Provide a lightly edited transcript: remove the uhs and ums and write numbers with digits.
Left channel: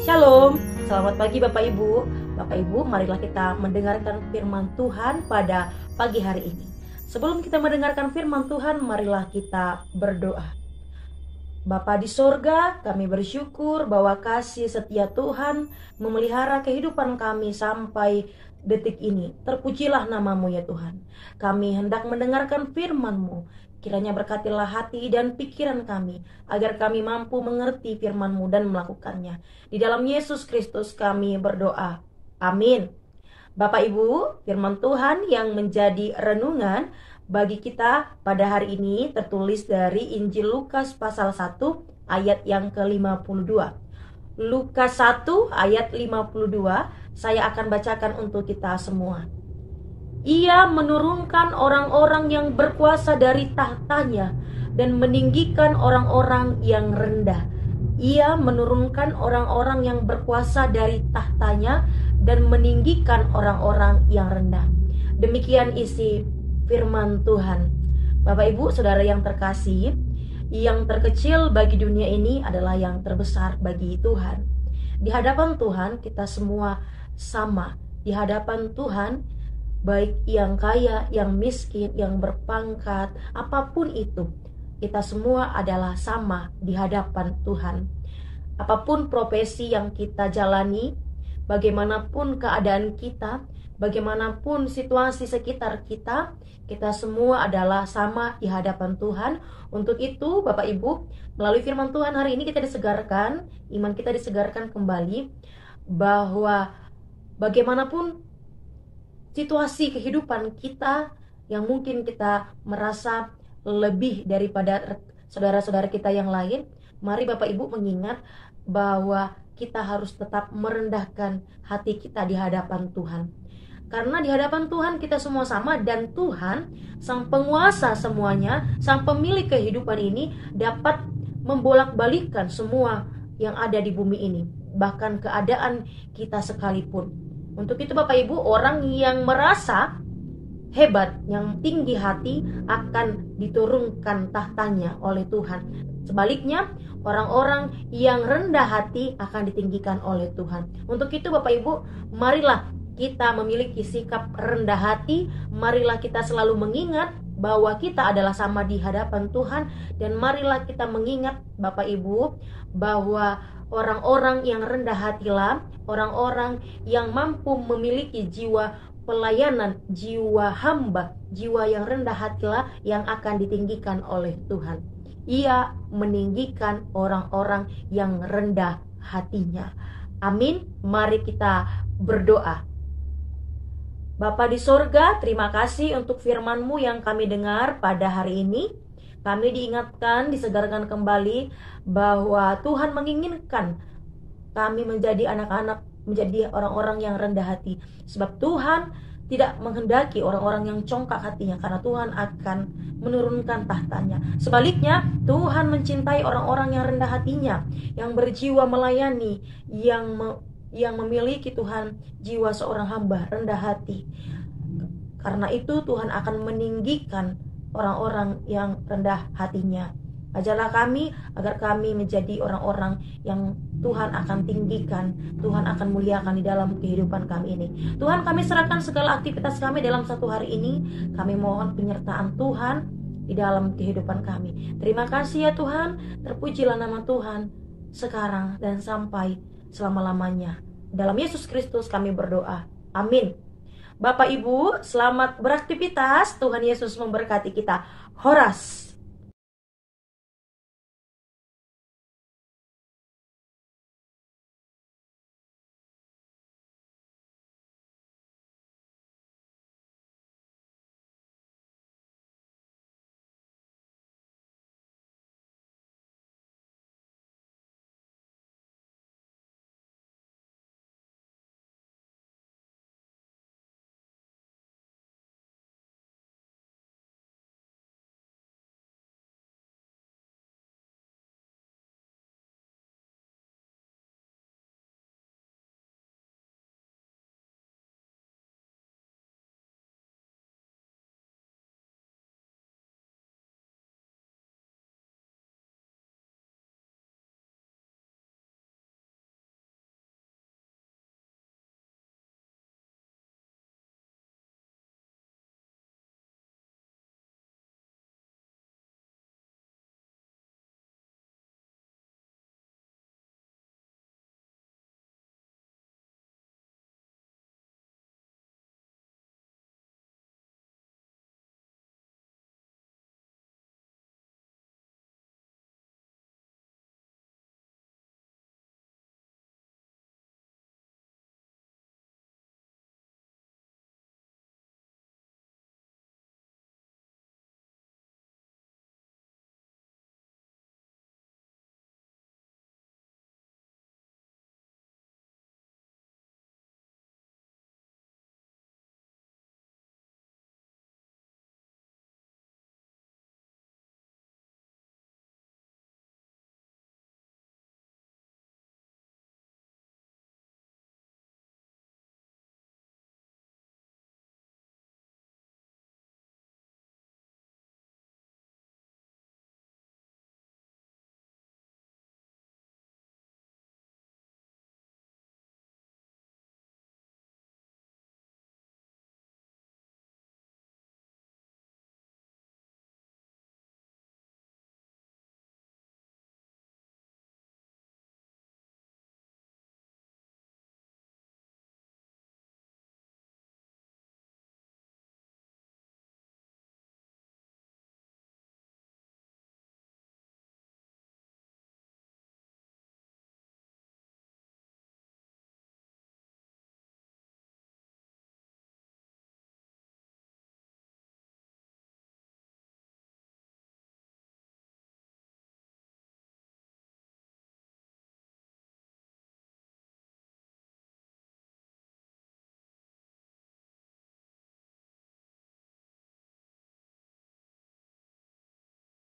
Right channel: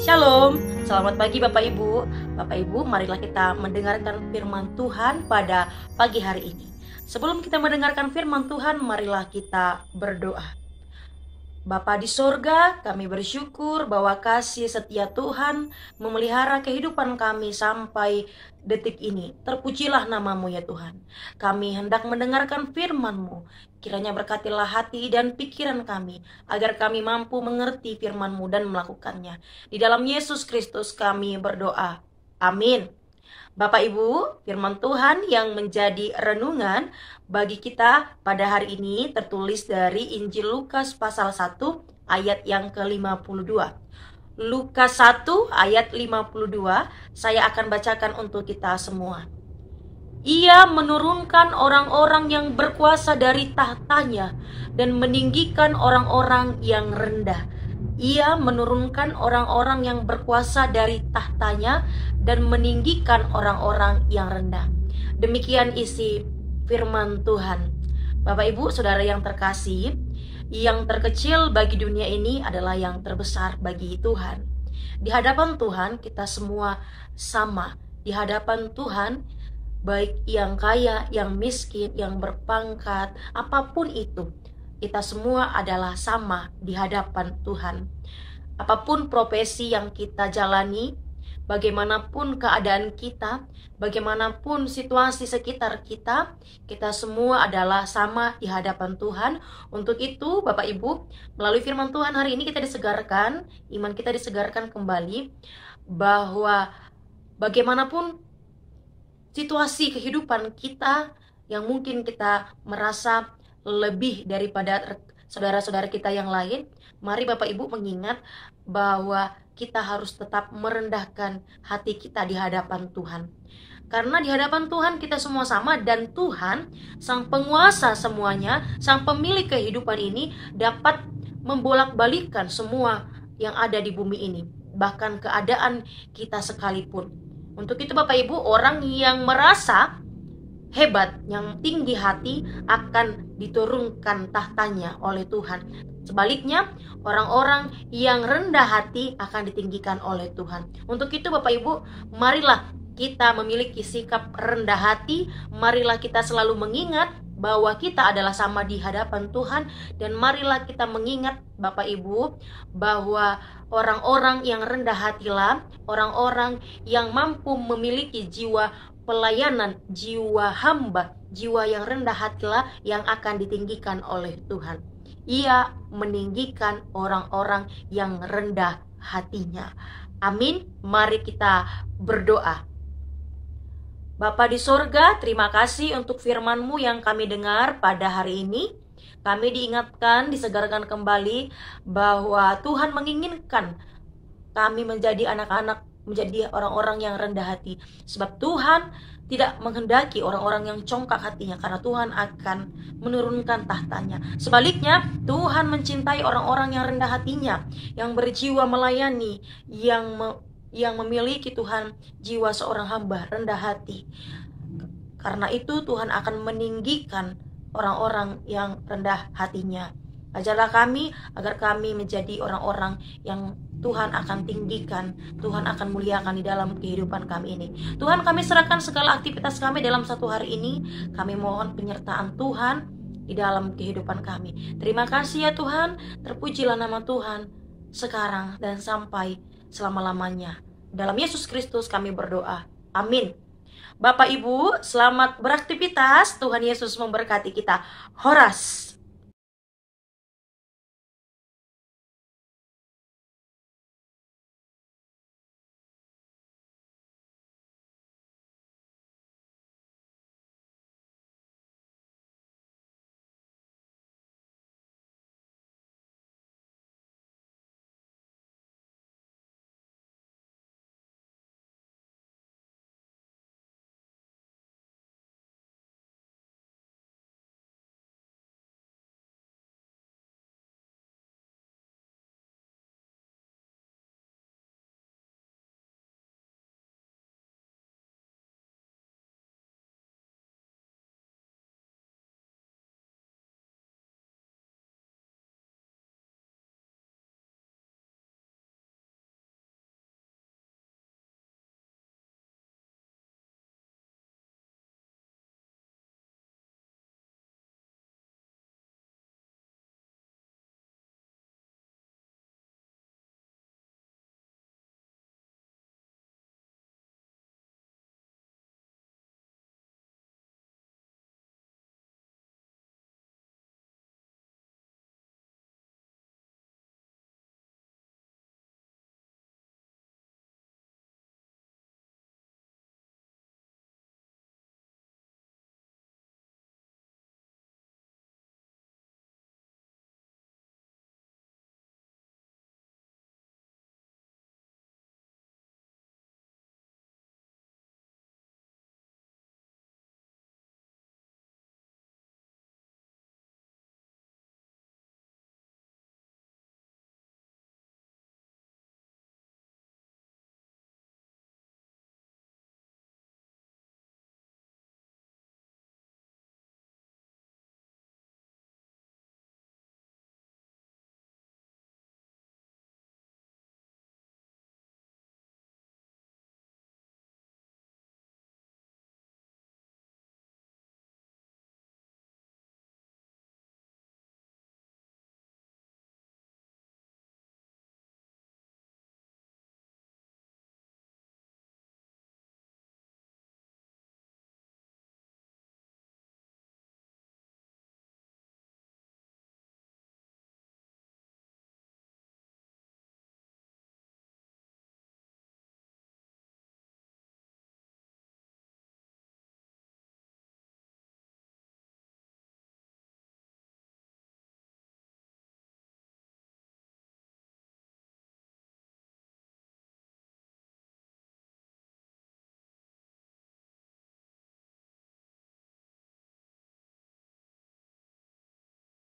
Shalom, selamat pagi Bapak Ibu. Bapak Ibu, marilah kita mendengarkan firman Tuhan pada pagi hari ini. Sebelum kita mendengarkan firman Tuhan, marilah kita berdoa. Bapa di sorga, kami bersyukur bahwa kasih setia Tuhan memelihara kehidupan kami sampai detik ini. Terpujilah namamu ya Tuhan. Kami hendak mendengarkan firman-Mu. Kiranya berkatilah hati dan pikiran kami, agar kami mampu mengerti firman-Mu dan melakukannya. Di dalam Yesus Kristus kami berdoa. Amin. Bapak Ibu, firman Tuhan yang menjadi renungan bagi kita pada hari ini tertulis dari Injil Lukas pasal 1 ayat yang ke-52. Lukas 1 ayat 52, saya akan bacakan untuk kita semua. Ia menurunkan orang-orang yang berkuasa dari tahtanya dan meninggikan orang-orang yang rendah. Ia menurunkan orang-orang yang berkuasa dari tahtanya dan meninggikan orang-orang yang rendah. Demikian isi firman Tuhan. Bapak Ibu Saudara yang terkasih, yang terkecil bagi dunia ini adalah yang terbesar bagi Tuhan. Di hadapan Tuhan kita semua sama. Di hadapan Tuhan, baik yang kaya, yang miskin, yang berpangkat, apapun itu, kita semua adalah sama di hadapan Tuhan. Apapun profesi yang kita jalani, bagaimanapun keadaan kita, bagaimanapun situasi sekitar kita, kita semua adalah sama di hadapan Tuhan. Untuk itu Bapak Ibu, melalui firman Tuhan hari ini kita disegarkan, iman kita disegarkan kembali, bahwa bagaimanapun situasi kehidupan kita yang mungkin kita merasa lebih daripada saudara-saudara kita yang lain, mari Bapak Ibu mengingat bahwa kita harus tetap merendahkan hati kita di hadapan Tuhan. Karena di hadapan Tuhan kita semua sama, dan Tuhan, sang penguasa semuanya, sang pemilik kehidupan ini, dapat membolak-balikkan semua yang ada di bumi ini, bahkan keadaan kita sekalipun. Untuk itu Bapak Ibu, orang yang merasa hebat, yang tinggi hati, akan diturunkan tahtanya oleh Tuhan. Sebaliknya, orang-orang yang rendah hati akan ditinggikan oleh Tuhan. Untuk itu Bapak Ibu, marilah kita memiliki sikap rendah hati. Marilah kita selalu mengingat bahwa kita adalah sama di hadapan Tuhan. Dan marilah kita mengingat Bapak Ibu, bahwa orang-orang yang rendah hatilah orang-orang yang mampu memiliki jiwa pelayanan, jiwa hamba, jiwa yang rendah hatilah yang akan ditinggikan oleh Tuhan. Ia meninggikan orang-orang yang rendah hatinya. Amin. Mari kita berdoa. Bapa di sorga, terima kasih untuk firman-Mu yang kami dengar pada hari ini. Kami diingatkan, disegarkan kembali bahwa Tuhan menginginkan kami menjadi anak-anak, menjadi orang-orang yang rendah hati. Sebab Tuhan tidak menghendaki orang-orang yang congkak hatinya, karena Tuhan akan menurunkan tahtanya. Sebaliknya, Tuhan mencintai orang-orang yang rendah hatinya, yang berjiwa melayani, yang memiliki Tuhan jiwa seorang hamba rendah hati. Karena itu Tuhan akan meninggikan orang-orang yang rendah hatinya. Ajarlah kami agar kami menjadi orang-orang yang Tuhan akan tinggikan, Tuhan akan muliakan di dalam kehidupan kami ini. Tuhan, kami serahkan segala aktivitas kami dalam satu hari ini. Kami mohon penyertaan Tuhan di dalam kehidupan kami. Terima kasih ya Tuhan. Terpujilah nama Tuhan sekarang dan sampai selama-lamanya. Dalam Yesus Kristus kami berdoa. Amin. Bapak Ibu, selamat beraktivitas. Tuhan Yesus memberkati kita. Horas.